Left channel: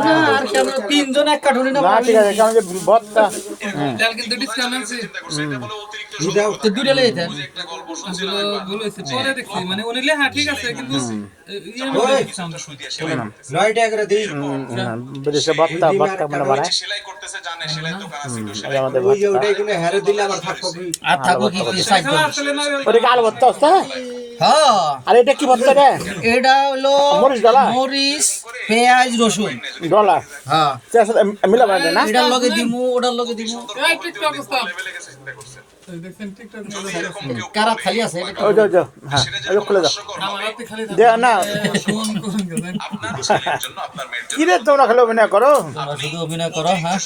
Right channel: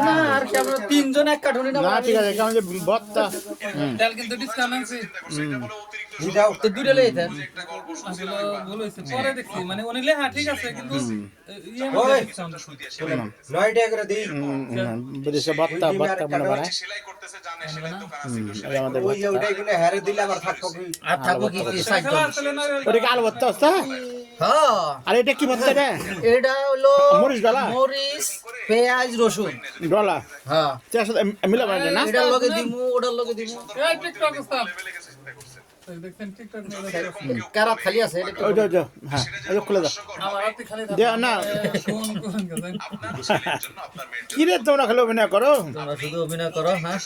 না আর কেন তিনজন এক কাঠুনি না ঠিক আছে কারণ যে বত্তা ডাল কিন্তু ডিসকাউন্ট আছে তো দুইটা লই দেন আসলে ভুল হয়েছে পরে দেখছি মানে উনি লেখা ঠিক আছে কিন্তু ইয়ে মনে ডিসকাউন্ট 9 টাকা করে দেই বুঝেছে বত্তা বত্তা মনে বাড়ায় সেলাই করতেছে জানে সেলাই দোকান আছে একটু সেলাই আমাদের ওই যে ওটাই গুলো হেরে দিলে আবার থাকবো আর থাকবো কি সাইড আসলে না ওটা আলু বত্তা আছে হ্যাঁ আর এটা কি বত্তা রে এটা হলো মরিচ ডালা মরিচ পেঁয়াজ রসুন ডলার হ্যাঁ মিলা মানে না এটার লগে দিমু ওটার লগে দিমু এই টিকটক স্টাফ লেভেলে গেছে চিন্তা করছে দেখছেন টিকটক যদি এরকম কেউ কারা খালি আছে এটা ওই যে হ্যাঁ ওই খুলে দাও আমার হাতে খালি দে না ফোন করুন গেছেন আপনার ছেলের জন্য আপনার মেয়ের কি রে তোমরা খালি অভিনয় করো তোমরা শুধু অভিনয় করো হ্যাঁ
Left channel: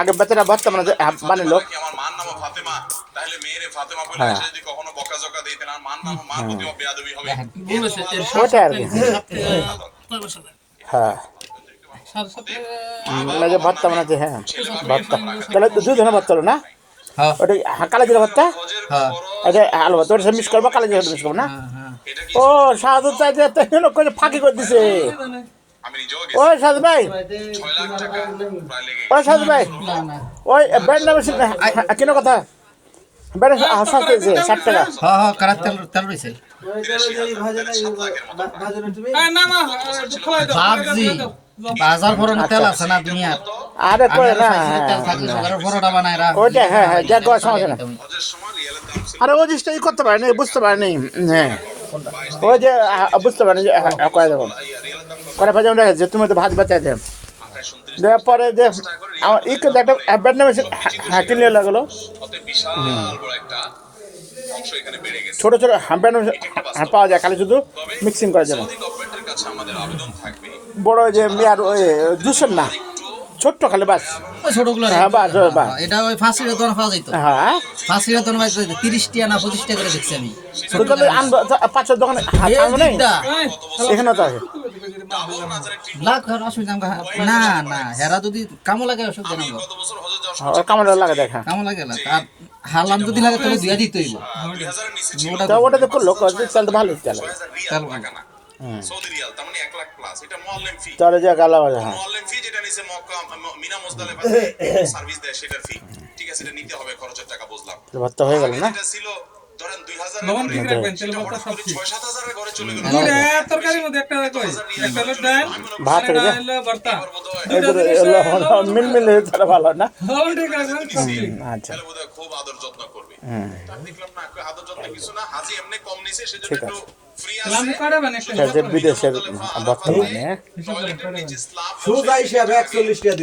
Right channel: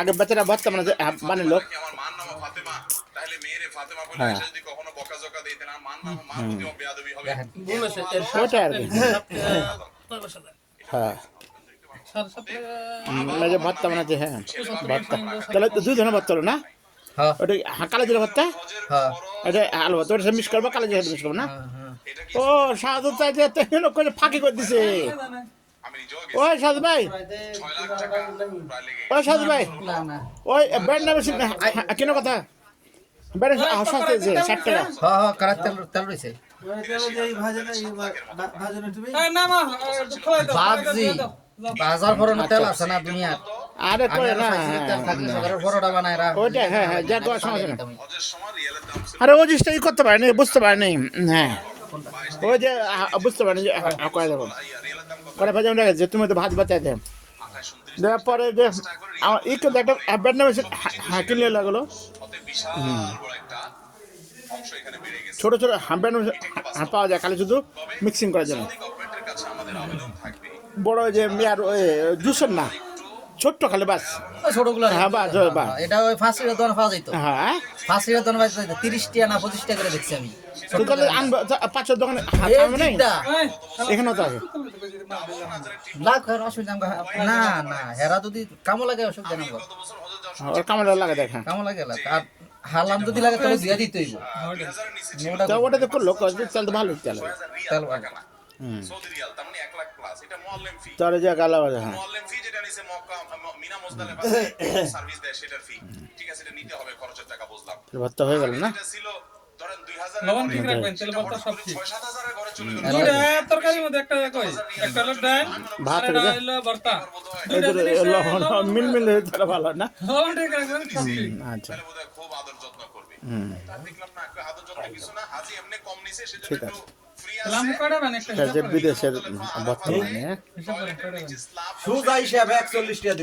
আগে বেচারা বত্তা মানে বানালো কি আমার মার নাম ফাতেমা তাহলে মেয়েরে ফাতেমা বলে সে যদি কখনো বকাঝকা দেয় তাহলে আমার মার প্রতিও বেয়াদবি হবে ভুল হয়েছে এর ওটা আর কি হ্যাঁ মানে যে ভত্তা বানাচ্ছে হ্যাঁ ভত্তা তাহলে দুই ধরনের ভত্তা হলো না হ্যাঁ ওটা কালো জিরা ভত্তা হ্যাঁ এটা আলু ভত্তা ওটা মিক্স করবো কালো জিরা মিক্স করবো না হ্যাঁ ও সাধু চাইতে করে ফাঁকি করে দিছে আমি নিজেও ওই সাধু ভাই 6 লাখ টাকা প্রায় লেগে ওই সাধু ভাই না না ওই ব্যান্ড নামে কেন কথা ব্যান্ড সস্তা 60 টাকা হ্যাঁ হ্যাঁ কারা তেল রইছে না না ভাজি বাজার ভরানো তেল আছে না দুনিয়ার আরে কই না তেল থাকলে সুগারের ভরোটা বানায় রা ওইটা হ্যাঁ হ্যাঁ যা সমস্যা না হজের সময় রিয়েলের দাম ছিল আরে ও জিনিসটা ই করতে পারেনি বুঝতে পারেনি হ্যাঁ ওই যে বুঝতে পারেনি যে কয়ে দেবো রিয়েলের দাম করে ফেলে যে তুমি তো ভাত বাঁচাই দেব 28 দেওয়ার পরে যে আমার ই কিন্তু একটা ব্যান্ড নামে হ্যাঁ কিনলে লাগলো অতএব বিশাল বড় একটা অংশ এখানে বেড়ে গেছে ছোট ছোট ব্যান্ড পাওয়া যায় খালি শুধু মিক্সিং করা যাবে সৌদি গভর্নমেন্টের কাছে আমাদের আবেদন থাকবে বড় যে মেয়ার ওই জুসের না ছোট্ট খালি বাস ওই ছোটগুলো হ্যাঁ বাস বাস এটা ওই ফাঁসির দোকান পাওয়া যাইতো হ্যাঁ ফাঁসির দোকান পাওয়া যাইতো 30 টাকা না 25 টাকা করে দেখছি আমি তো তাহলে আনবো পাঁচশো দোকানে আনবো নেই এখানে তো আছে লাখ আর অসুবিধা না না হেরা যদি কামো লাগে অসুবিধা নেই গত বছর হজে যাওয়ার ওর কামড় লাগে দেখা কামো লাগে না আর হালাম যদি লাগে তাহলে দিয়া দিতেই 2000 এর নিচে ছিল তো ওটা তো করলো তাহলে তো ভালোই চলে 6000 রিয়াল টাকা না সৌদি রিয়াল তার মানে 1 লাখ প্লাস এটা মুআল্লিম ফি তাহলে যে গালা হ্যাঁ মুআল্লিম ফি যেটা নিছে মক্কা মিনা মুজদালিফা সার্ভিস দেয় সেটার ফি ঠিক আছে এটা নিতে হবে খরচের টাকা বুঝলাম ভর্তা হয়ে গেল না এটা ছিল ধরেন 2000 লবণ ঠিক রাখবেন তেল মতো সব ঠিক 6-7 এর ঘরে চলে গেল পুরো তরকারির মধ্যে একটা কই একটা হলো ডাল ভাত আর হয়ে হলো ভর্তা মিল তাহলে ভালো না লবণ ঠিক রাখবেন সব ঠিক আচ্ছা তাহলে বোধহয় খুব আদর যত্ন করবে তার দেখলাম না আদর যত্ন কিছু না হাজি এমনি কম নিছে সেজন্য একটু ফ্রি আছে লাম করে বানাই যে বিদেশের বর্তমানে হিসাব করে নিচে স্ল্যাব সুজা হিসাবে 41 টাকা